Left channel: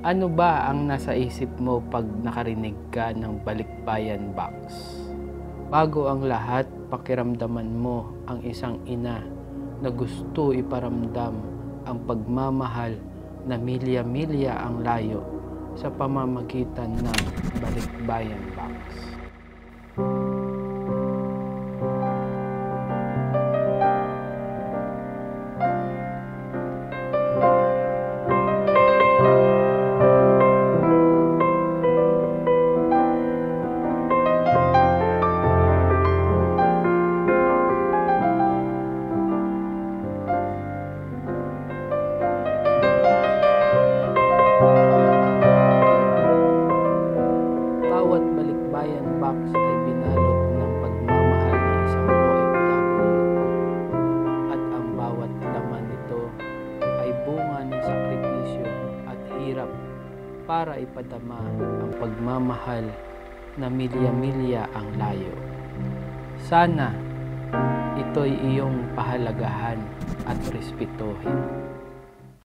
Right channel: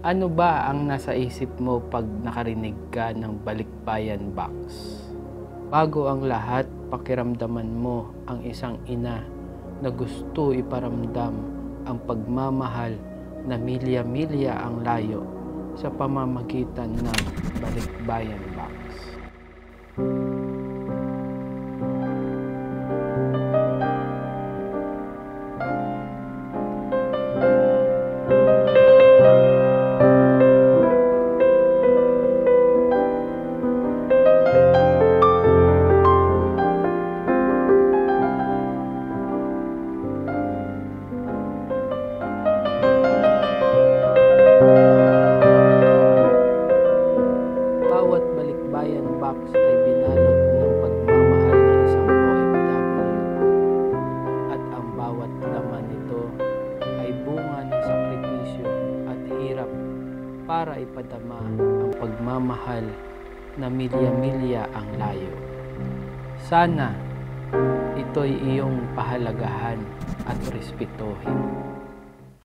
Ano ba ang nasa isip mo pag nakarinig ka ng Balikbayan Box? Bago ang lahat, pakiramdaman mo ang isang ina na gusto iparamdam ang pagmamahal na milya-milya ang layo sa pamamagitan ng Balikbayan Box. Bawat Balikbayan Box ay binalot ng pagmamahal ng isang OFW at ang bawat laman nito ay bunga ng sakripisyo at hirap para ipadama ang pagmamahal na milya-milya ang layo. Sana ito'y iyong pahalagahan at respetuhin.